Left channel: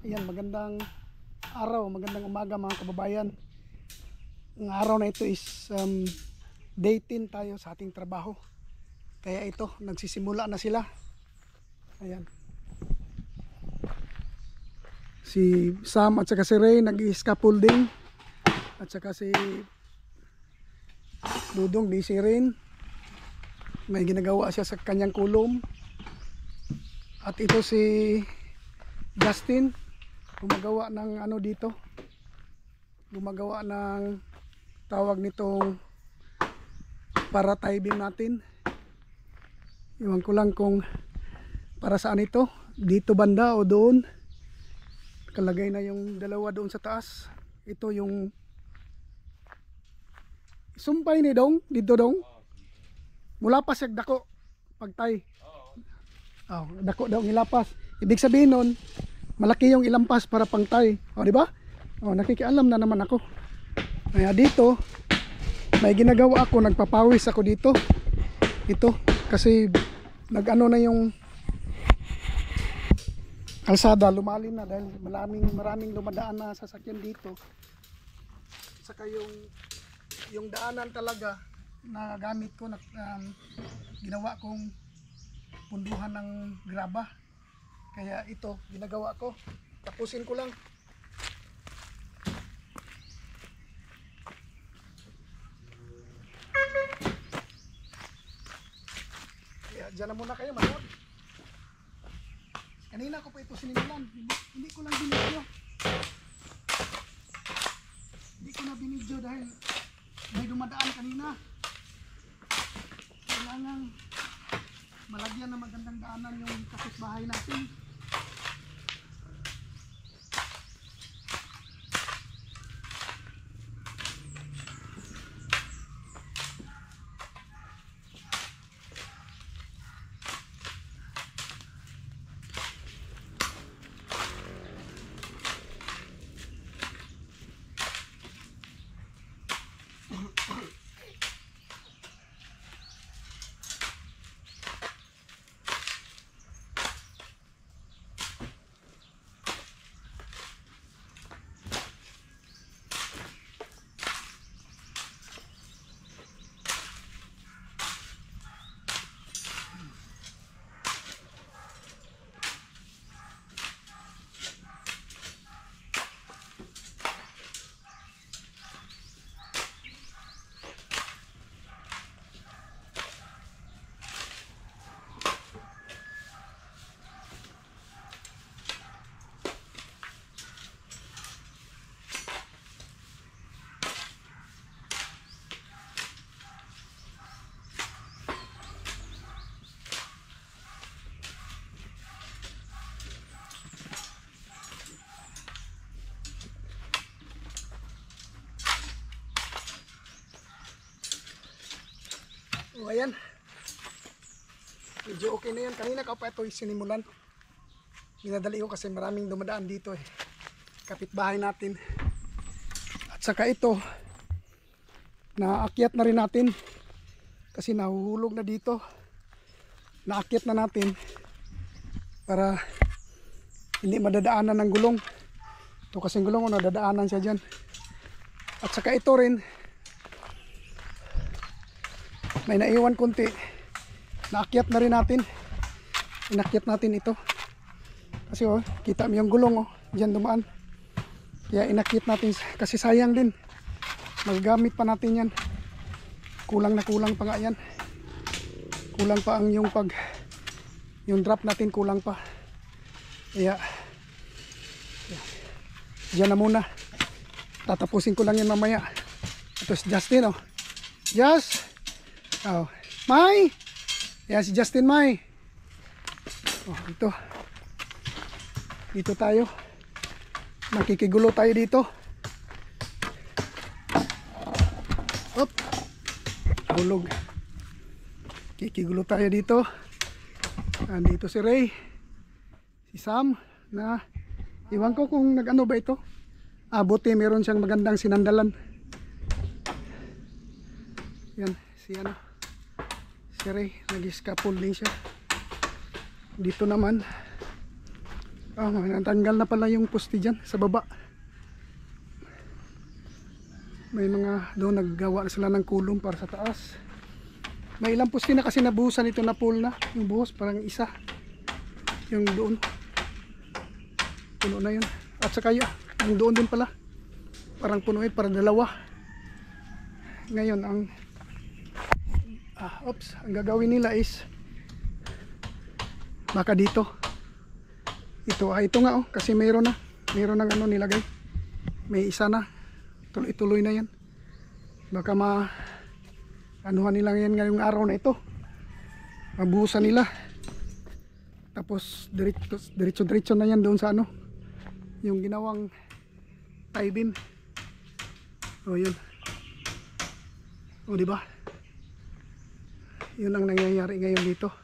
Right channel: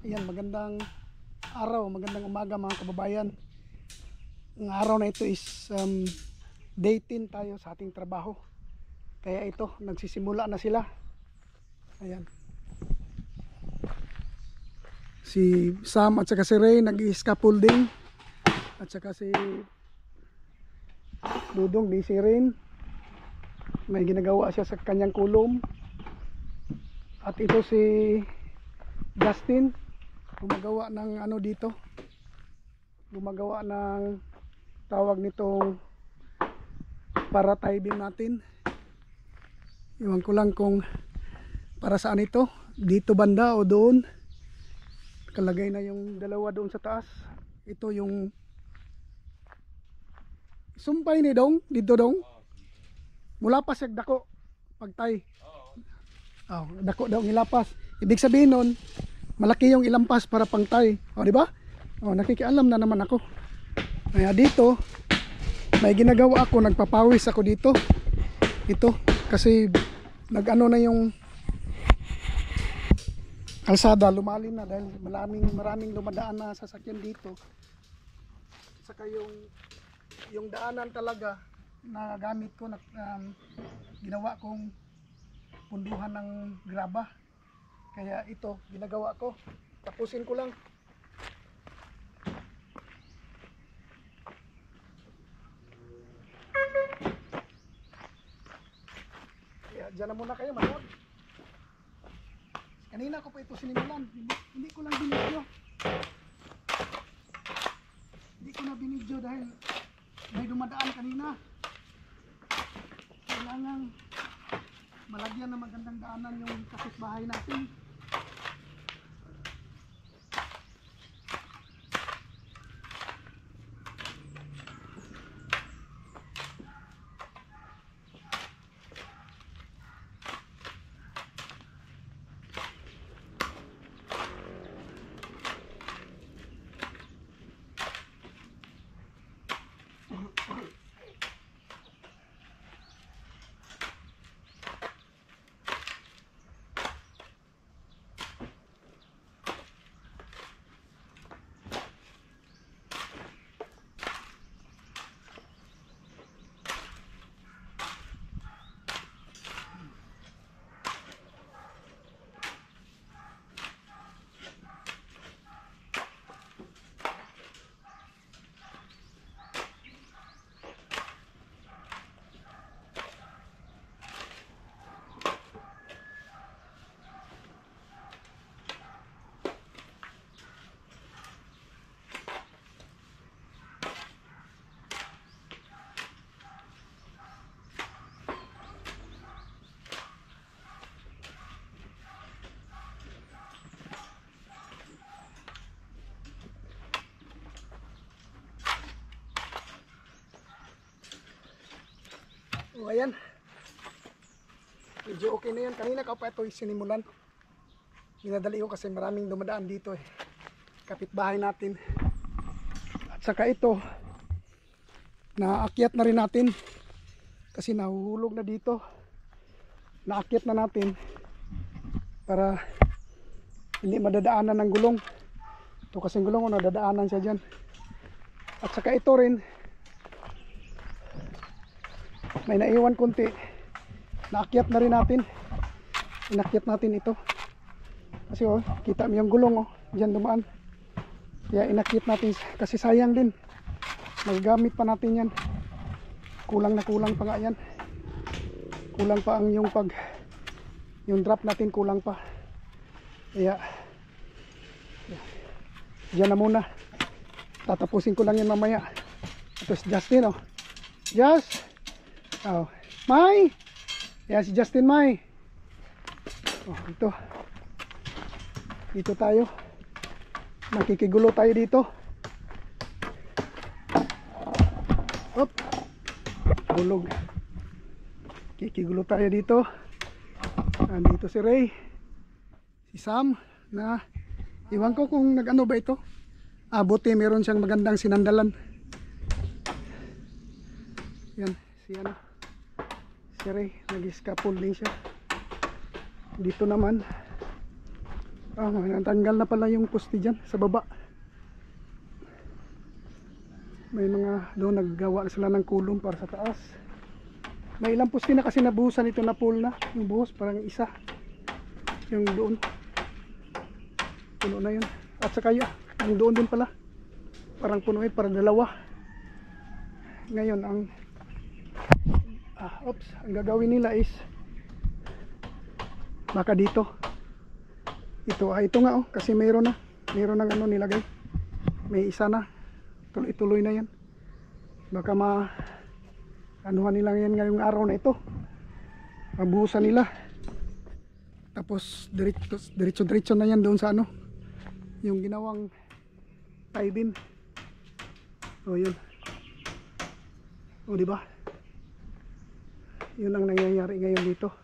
Ayan, magandang araw, magandang umaga mga kababayan. Ang araw na ito is day 10 tayo sa ating trabaho. Kaya ito, nagsisimula na sila. Ayan. Si Sam at saka si Ray nag-scaffolding. At saka si Dudong, busy rin. May ginagawa siya sa kanyang kulom. At ito si Justin, gumagawa ng ano dito, gumagawa ng tawag nitong para tie beam natin. Iwan ko lang kung para saan ito, dito banda o doon. Kalagay na yung dalawa doon sa taas. Ito yung sumpay ni Dong, dito Dong. Mula pa siya dako pagtay. Oh, dako daw ilapas. Ibig sabihin nun, malaki yung ilampas para pangtay. O, di ba? O, nakikialam na naman ako. Kaya dito, may ginagawa ako, nagpapawis ako dito. Ito, kasi nag-ano na yung kalsada, lumalim na dahil maraming dumadaan na sasakyan dito. Saka yung daanan talaga na gamit ko, ginawa kong punduhan ng graba. Kaya ito, ginagawa ko. Tapusin ko lang. Kaya dyan na muna kayo, manood. Kanina ko pa ito sinimulan. Hindi ko lang binidyo. Hindi ko na binidyo dahil may dumadaan kanina. Kailangan malagyan na magandang daanan yung kapitbahay natin. O ayan, medyo okay na yan. Kanina ka pa ito sinimulan. Minadali ko kasi maraming dumadaan dito eh, kapitbahay natin. At saka ito, naakyat na rin natin kasi nahuhulog na dito. Naakyat na natin para hindi madadaanan ng gulong. Ito kasing gulong, nadadaanan siya dyan. At saka ito rin, may naiwan kunti, naakyat na rin natin. Inakyat natin ito kasi oh, kita mo yung gulong oh, dyan dumaan. Kaya inakyat natin kasi sayang din, magagamit pa natin yan. Kulang na kulang pa nga yan. Kulang pa ang yung drop natin, kulang pa. Kaya dyan na muna, tatapusin ko lang yan mamaya. Ito si Justin oh, Just oh, Mai. Yan si Justin, Mai. Oh, dito tayo. Makikigulo tayo dito. Hop. Bulog. Kikigulo tayo dito. Andito si Ray, si Sam, na iwan ko kung nag-ano ba ito. Buti meron siyang magandang sinandalan. Yan, si ano, si Ray, nag-scaffolding siya. Dito naman Natanggal na pala yung poste dyan sa baba. May mga doon naggawa na sila ng kulong para sa taas. May ilang poste na kasi nabuhusan ito na pool na. Yung buhos parang isa. Yung doon. Puno na yun. At saka yung doon din pala. Parang puno yun, parang dalawa. Ngayon ang ang gagawin nila is baka dito. Ito nga kasi mayroon ng ano nilagay. May isa na. Tuloy-tuloy na yan. Baka anuhan nila yan ngayong araw na ito. Mabuhusan nila. Tapos diretso na yan doon sa ano. Yung ginawang tie-beam. Yun. Di ba? Yun ang nangyayari ngayon dito.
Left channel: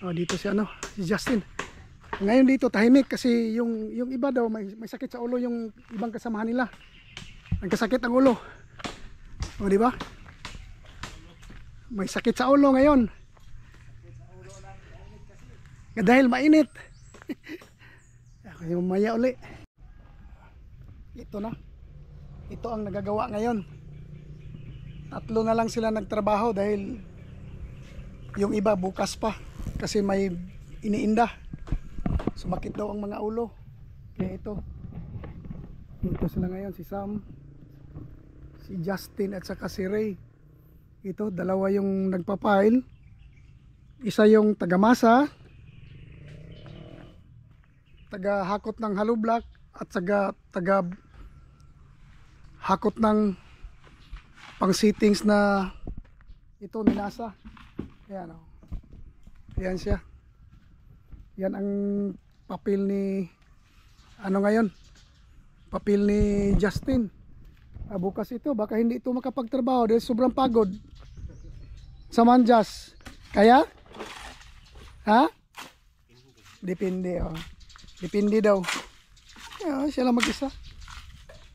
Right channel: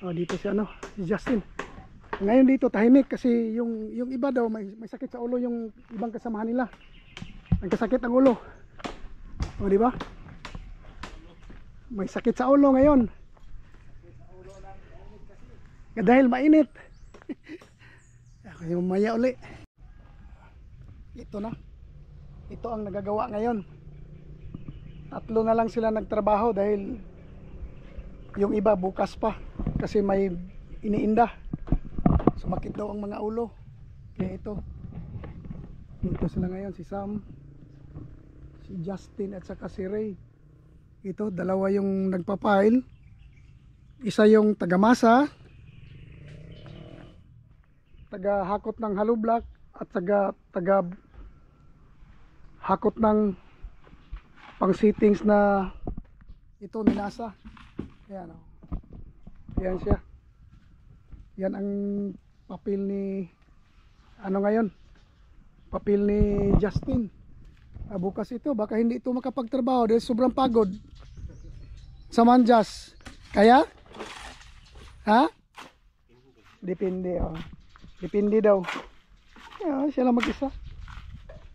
Dito si Justin. Ngayon dito tahimik kasi yung iba daw may sakit sa ulo yung ibang kasamahan nila. Nagkasakit ang ulo. Di ba? May sakit sa ulo ngayon. Dahil mainit. Yung maya uli. Ito na. Ito ang nagagawa ngayon. 3 na lang sila nagtrabaho dahil yung iba bukas pa kasi may iniinda. Sumakit daw ang mga ulo. Kaya ito. Dito sila ngayon, si Sam, si Justin at saka si Ray. Ito, dalawa yung nagpapile. Isa yung tagamasa, taga-hakot ng hollow block at taga-hakot ng pang-sittings na ito ninasa. Ayan, Ayan siya. Yan ang papel ni ngayon. Papel ni Justin. Bukas ito, baka hindi ito makapagtrabaho dahil sobrang pagod. Samanjas. Kaya? Ha? Depende. Depende daw. Siya lang mag-isa.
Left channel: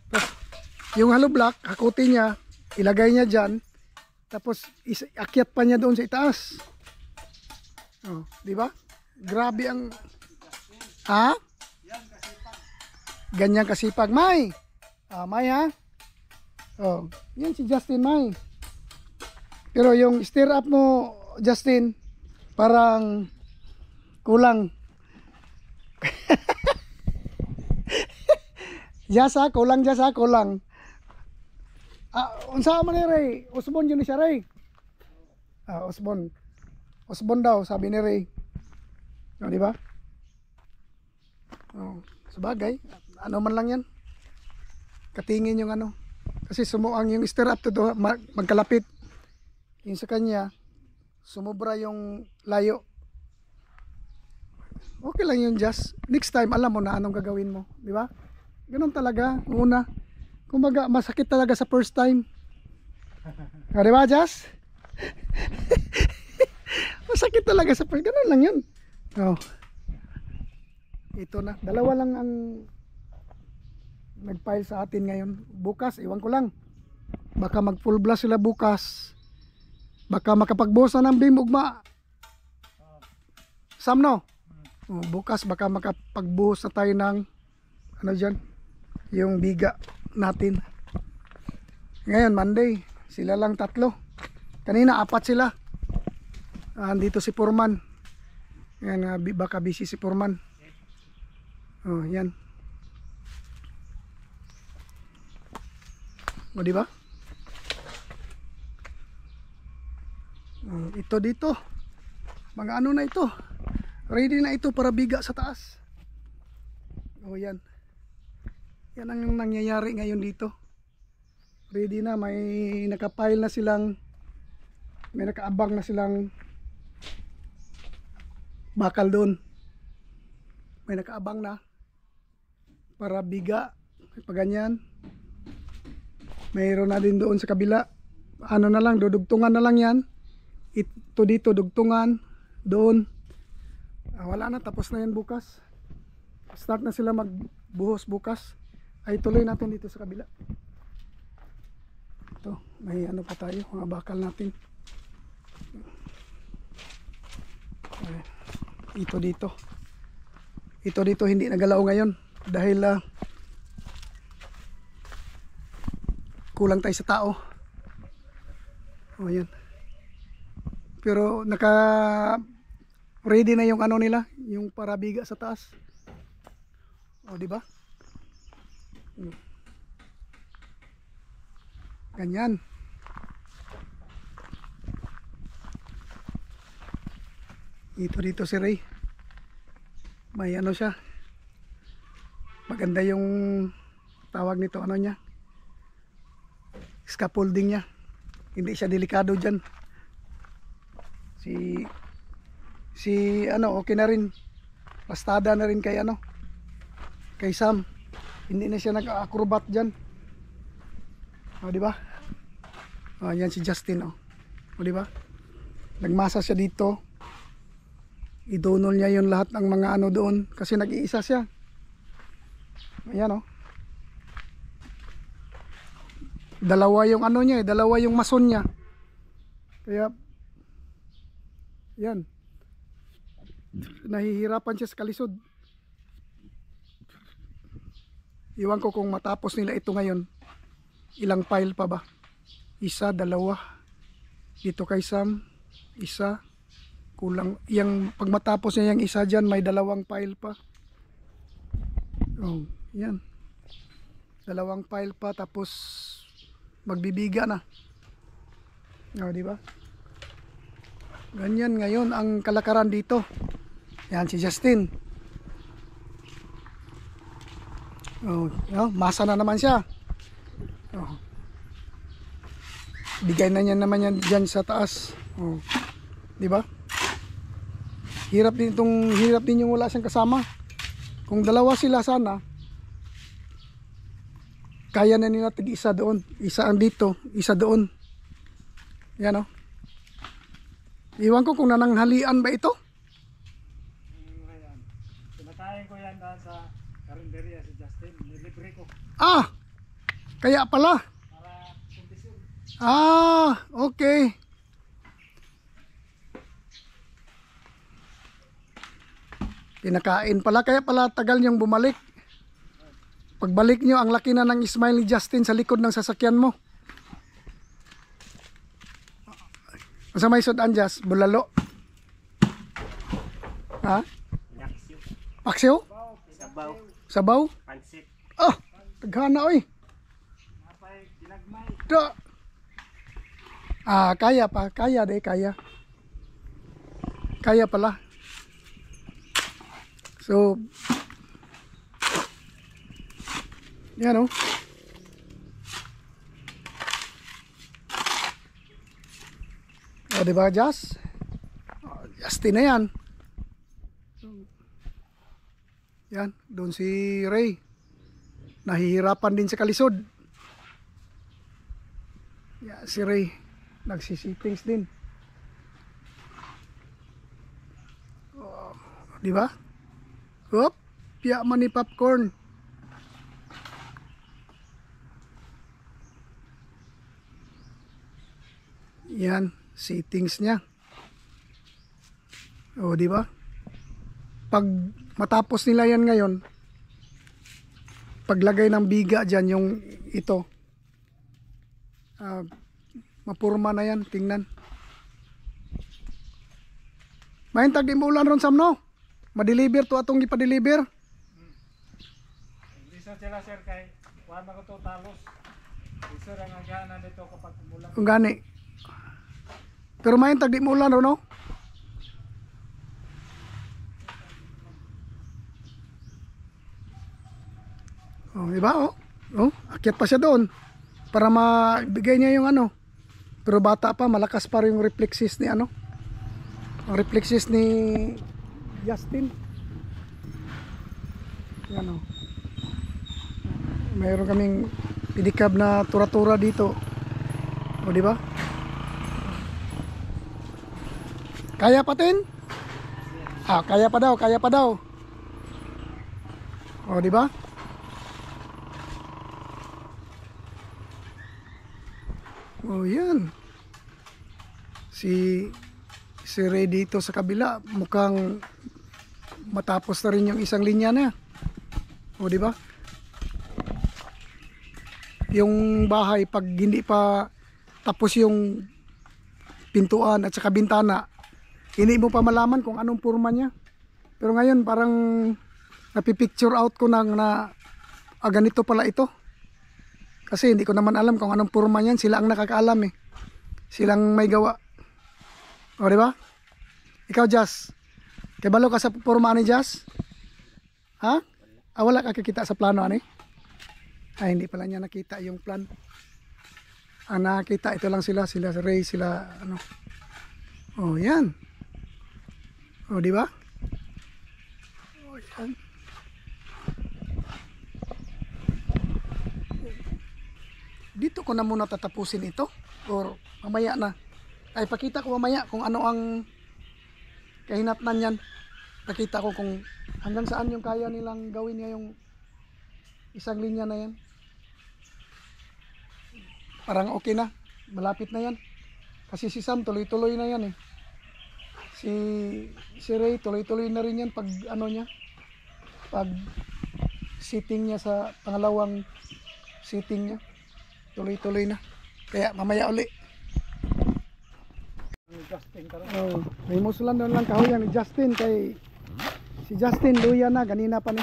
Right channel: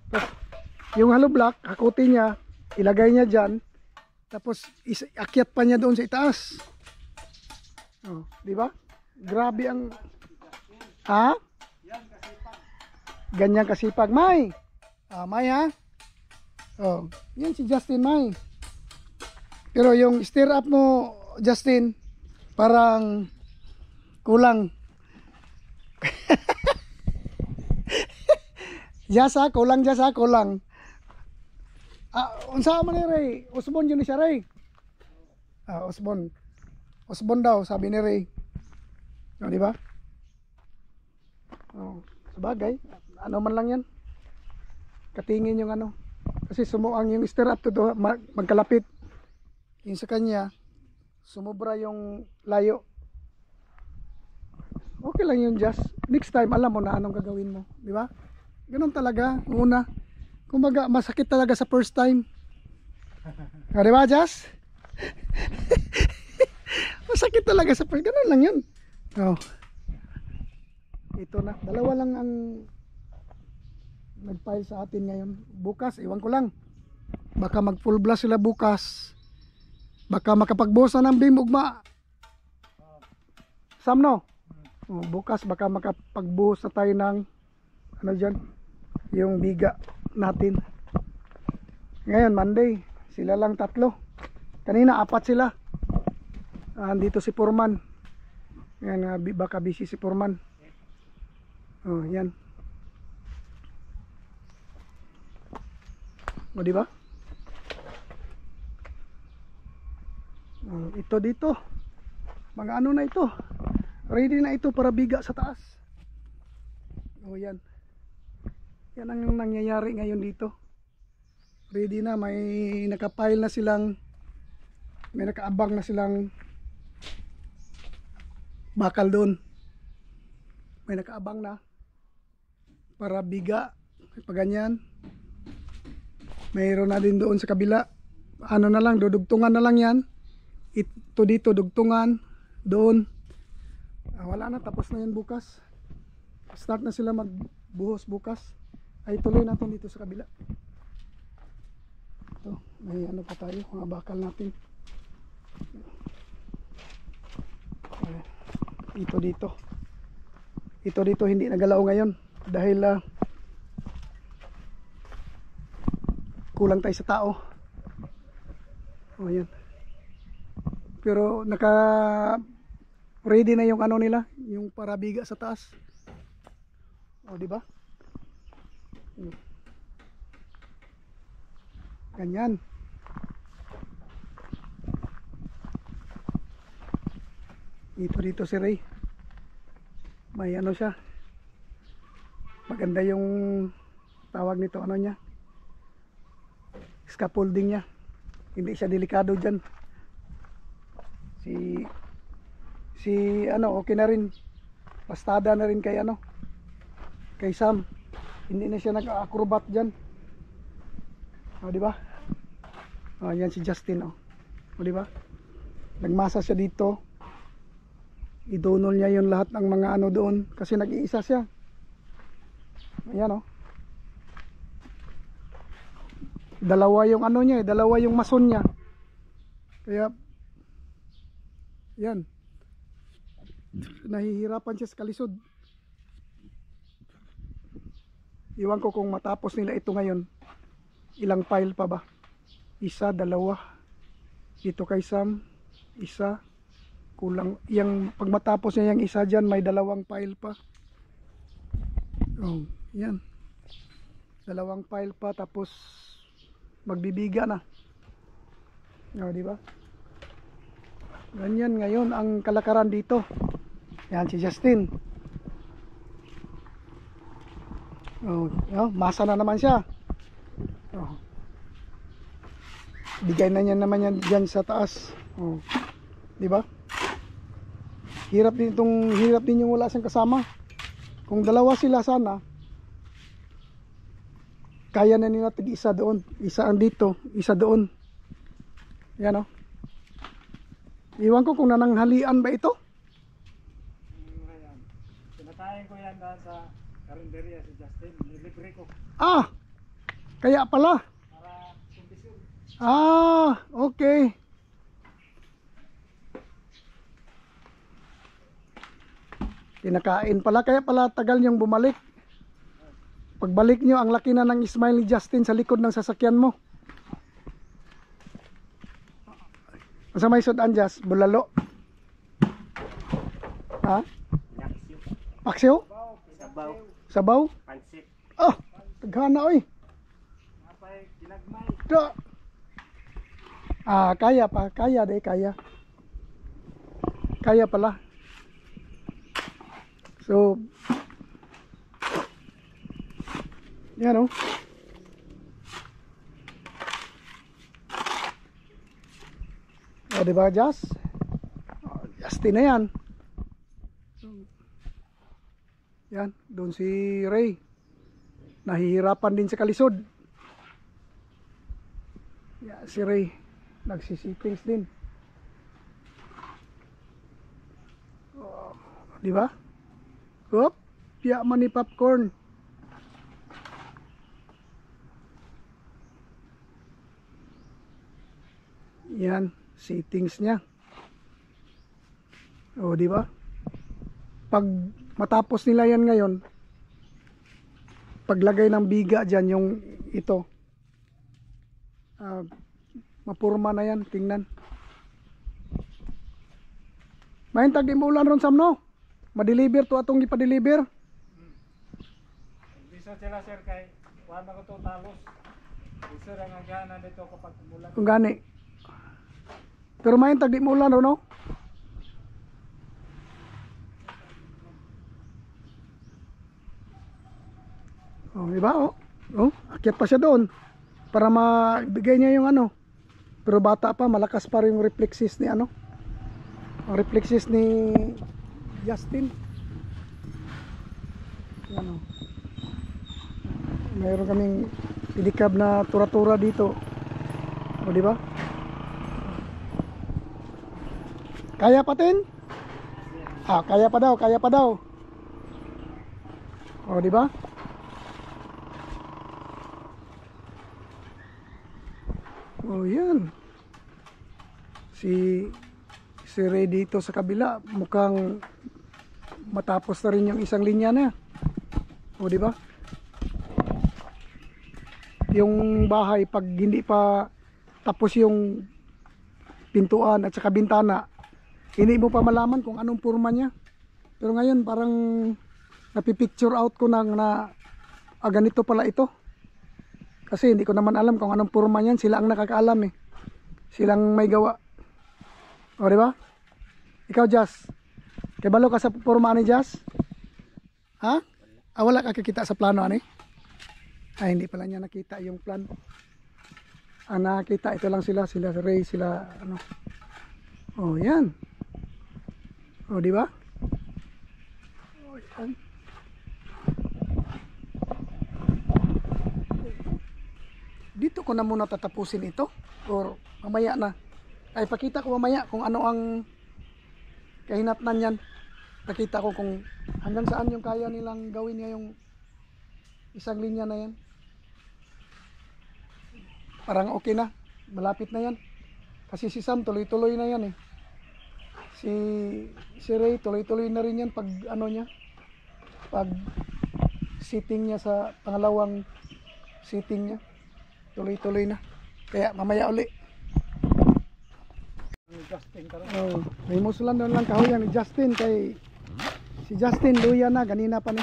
Tapos, yung hollow block, hakutin niya, ilagay niya dyan, tapos akyat pa niya doon sa itaas. Di ba? Grabe ang... Ha? Ganyan kasipag, May. May ha? Yan si Justin, May. Pero yung stir up mo, Justin, parang kulang. Jasa, kulang. Unsa man ni Ray? Usbon yun ni siya, Ray. Usbon daw, sabi ni Ray. Di ba? Sabagay, ano man lang yan. Katingin yung kasi sumuang yung stir up to magkalapit. Yung sa kanya, sumubra yung layo. Okay lang yun, just next time alam mo na anong gagawin mo, di ba? Ganun talaga, una. Kumbaga, masakit talaga sa first time. Di ba, Jazz? Masakit talaga sa first, ganun lang yun. Ito na, dalawa lang ang nag-file sa atin ngayon. Bukas, iwan ko lang. Baka mag full blast sila bukas. Baka makapagbuhos na ng beam ugma. Sam, no? Bukas baka makapagbuhos na tayo ng dyan, yung biga natin. Ngayon, Monday, sila lang 3. Kanina 4 sila. Andito si Foreman. Yan, baka busy si Foreman. Yan. Di ba? Ito dito. Mga na ito. Ready na ito para biga sa taas. Yan. Yan ang nangyayari ngayon dito. Ready na, may nakapile na silang, may nakaabang na silang bakal doon. May nakaabang na para biga. Paganyan. Mayroon na din doon sa kabila. Na lang, dudugtungan na lang yan. Ito dito, dugtungan. Doon. Wala na, tapos na yan bukas. Start na sila magbuhos bukas. Ay tuloy natin dito sa kabila. Ito, may pa tayo, mga bakal natin. Ito dito. Ito dito hindi nagalaw ngayon dahil kulang tayo sa tao. O yan. Pero naka ready na yung ano nila, yung parabiga sa taas. O di ba? Ganyan. Dito si Ray. May ano siya. Maganda yung tawag nito, ano niya. Scaffolding niya. Hindi siya delikado dyan. Si ano, okay na rin. Pastada na rin kay ano. Kay Sam. Hindi na siya nag-acrobat dyan. O, di ba? O, yan si Justin, o. O, di ba? Nagmasa siya dito. Idonol niya yung lahat ng mga ano doon kasi nag-iisa siya. Ayan, o. Dalawa yung ano niya, dalawa yung mason niya. Kaya yan. Nahihirapan siya sa kalisod. Iwan ko kung matapos nila ito ngayon. Ilang pile pa ba? Isa, dalawa. Dito kay Sam, isa. Kulang. Yang pag matapos niya yung isa dyan, may dalawang pile pa. Oh, yan. Dalawang pile pa tapos magbibiga na. Oh, di ba? Ganyan ngayon ang kalakaran dito. Yan si Justin. Oh, masa na naman siya. Oh. Bigay na niya naman yan dyan sa taas. Oh. Di ba? Hirap din yung wala siyang kasama. Kung dalawa sila sana, kaya na nila tig-isa doon. Isa ang dito, isa doon. Yan, o. Iwan ko kung nananghalian ba ito. Pinakain ko yan dahil sa karinderya si Justin. Nilibre ko. Ah! Kaya pala. Para kondisyon. Ah, okay. Pinakain pala, kaya pala tagal niyong bumalik. Pagbalik niyo, ang laki na ng smile ni Justin sa likod ng sasakyan mo. Masa may sudan Jas? Bulalo? Ha? Naksyo. Paksiw? Sabaw. Sabaw? Pansit. Ah, taghana oy. Napay ginagmay. Da. Ah, kaya pa, kaya de, kaya. Kaya pala. So, yan, oh. O, diba, Jas? Justin na yan. Yan, doon si Ray. Nahihirapan din sa kalisod. Yan, si Ray. Nagsisitings din. O, diba? Hop, piyaman ni popcorn. Yan, settings niya. O, di ba? Pag matapos nila yan ngayon, paglagay ng biga diyan yung ito. Mapurma na yan, tingnan. Mahin tag di mo ulan ron Sam, no? Ma-deliver to atong ipa-deliver. Hindi sa sila sir kay wala ko to talos. Isa ra nga gana dito kapag umulan. Kung gani. Pero mahin tag di mo ulan ron, no? Oh, diba? Oh, akyat pa siya doon para mabigay niya yung ano. Pero bata pa, malakas pa rin yung reflexes ni ano. Ang reflexes ni Justin. Yan, oh. Mayroon kaming pedicab na tura-tura dito. O, di ba? Kaya pa tin? Ah, kaya pa daw, kaya pa daw. O, di ba? Oh, yan. Si Ray dito sa kabila mukhang matapos na rin yung isang linya na. O di ba? Yung bahay pag hindi pa tapos yung pintuan at saka bintana, hindi mo pa malaman kung anong porma niya. Pero ngayon parang napipicture out ko na ganito pala ito. Kasi hindi ko naman alam kung anong porma niyan. Sila ang nakakaalam eh. Silang may gawa. O diba? Ikaw Jazz, kabalo ka sa porma ni Jazz? Ha? Wala ka kakita sa plano ani? Ay hindi pala niya nakita yung plan. Ang nakita ito lang sila Ray, sila ano. Oh yan. O diba? O yan. Dito ko na muna tatapusin ito or mamaya na. Ay pakita ko mamaya kung ano ang kahinatnan yan. Pakita ko kung hanggang saan yung kaya nilang gawin niya yung isang linya na yan. Parang okay na, malapit na yan. Kasi si Sam tuloy-tuloy na yan eh. Si Ray tuloy-tuloy na rin yan pag ano niya, pag sitting niya sa pangalawang sitting niya, tuloy-tuloy na. Kaya mamaya uli. Oh, may musulan doon lang kahoyan ni Justin kay si Justin luya na ganina pa ni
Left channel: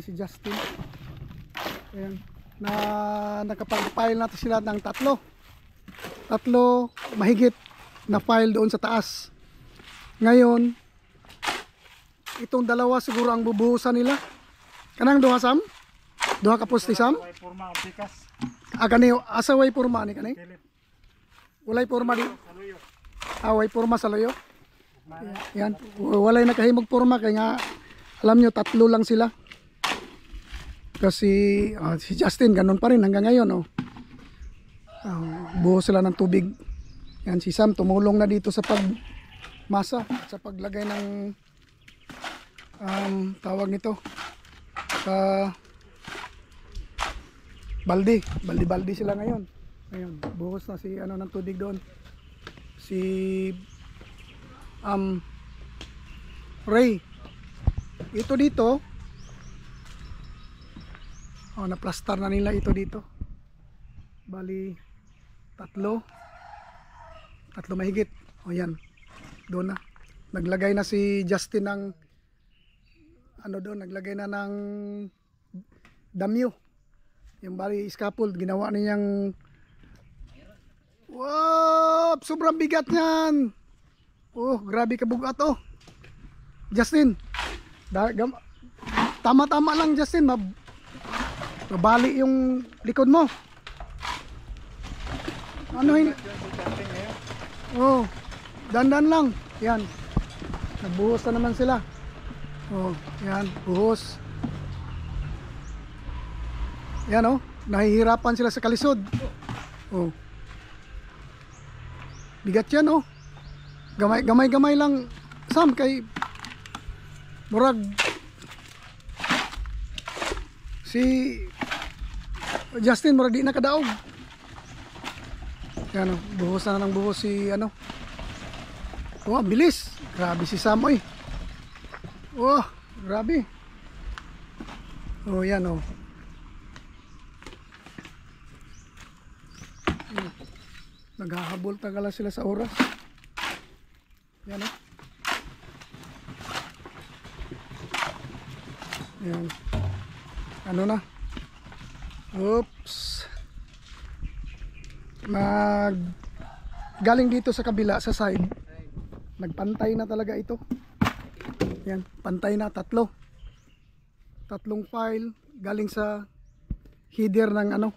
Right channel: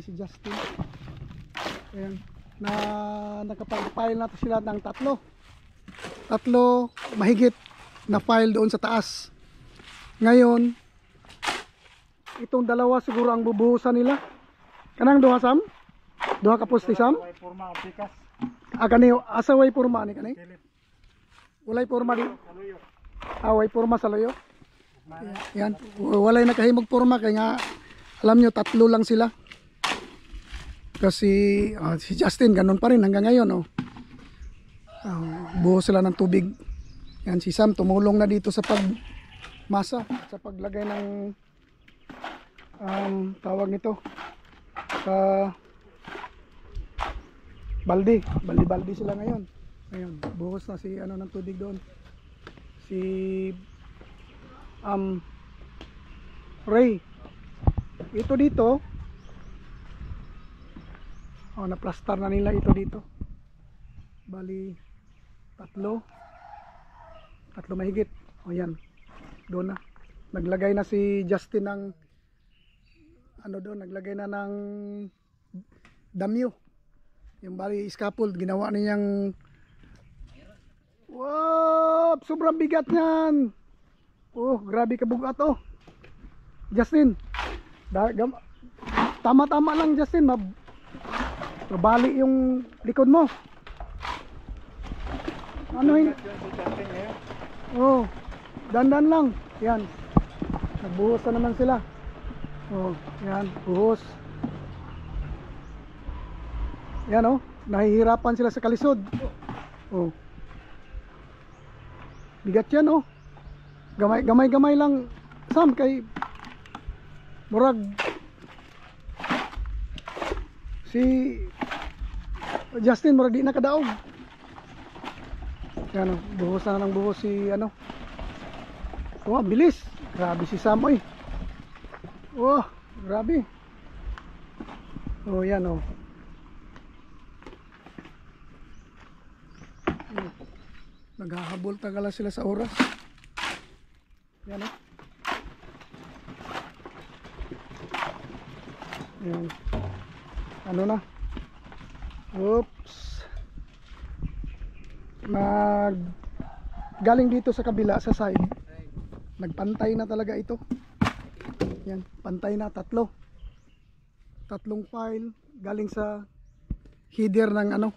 si Justin. Ayan, na nakapag-file natin sila ng tatlo mahigit na file doon sa taas. Ngayon itong dalawa siguro ang bubuhusan nila. Kanang duha Sam? Duha ka poste Sam? Kani asaway porma ni kani? Walay porma di. Way porma sa loyo. Yan, walay nakahimog porma kay nga alam nyo tatlo lang sila. Kasi si Justin ganun pa rin hanggang ngayon buhos sila ng tubig. Yan si Sam tumulong na dito sa pagmasa, sa paglagay ng tawag nito sa baldi sila ngayon. Ngayon buhos na si ano ng tubig doon. Si Ray ito dito naplastar na nila ito dito. Bali tatlo mahigit. Yan doon na naglagay na si Justin ng ano doon, naglagay na ng damyo. Yung bali scaffold ginawa niyang sobrang bigat niyan. Grabe kabugat Justin. Tama-tama lang Justin, mabali yung likod mo. Ano yun? Dandan lang. Yan. Nagbuhos na naman sila. Yan, buhos. Yan nahihirapan sila sa kalisod. Bigat yan gamay lang Sam kay murag si Justin murag di na kadaog. Yan buhos na ng buhos si ano. Bilis. Grabe si Sam grabe. Yan naghahabol tagala sila sa oras. Yan yan. Ano na? Oops. Galing dito sa kabila sa side. Nagpantay na talaga ito. Yan, pantay na tatlong file galing sa header ng ano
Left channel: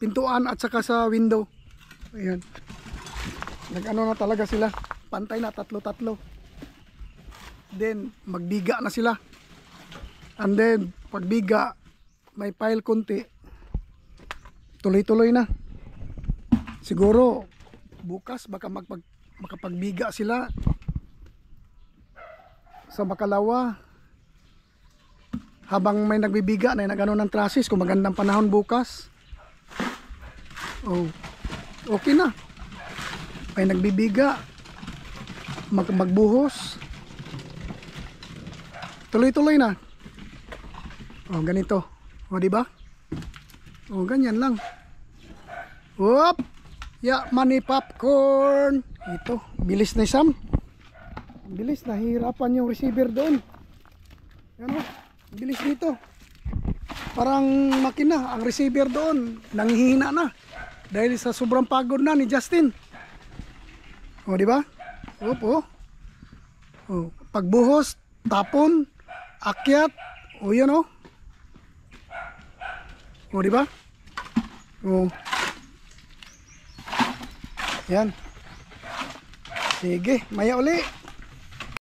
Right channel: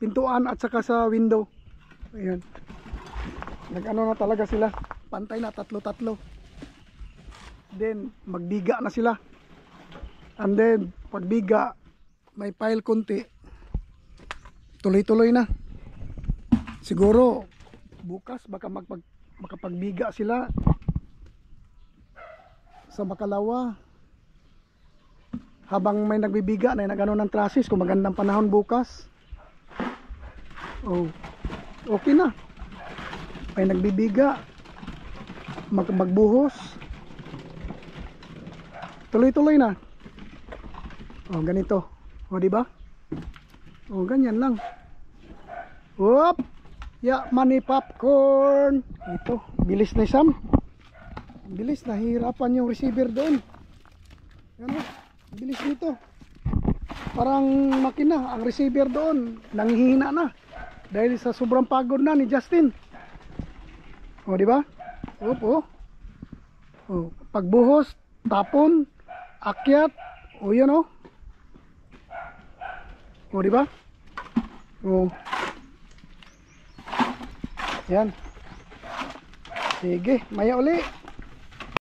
pintuan at saka sa window. Ayan. Nag-ano na talaga sila. Pantay na tatlo. Then magbiga na sila. And then pagbiga may file konti. Tuloy-tuloy na. Siguro bukas baka makapagbiga sila sa Makalawa. Habang may nagbibiga na nagano ng trusses kung magandang panahon bukas. Okay na. May nagbibiga. magbuhos. Tuloy-tuloy na. Oh, ganito. O, di ba? O, ganyan lang. Whoop! Ya, money popcorn. Ito, bilis na Sam. Bilis, nahihirapan yung receiver doon. Ano? Bilis dito. Parang makina, ang receiver doon nanghihina na. Dahil sa sobrang pagod na ni Justin. O, di ba? Opo. O, pagbuhos, tapon, akyat, o yan o. O, di ba? O. Yan. Sige, maya uli.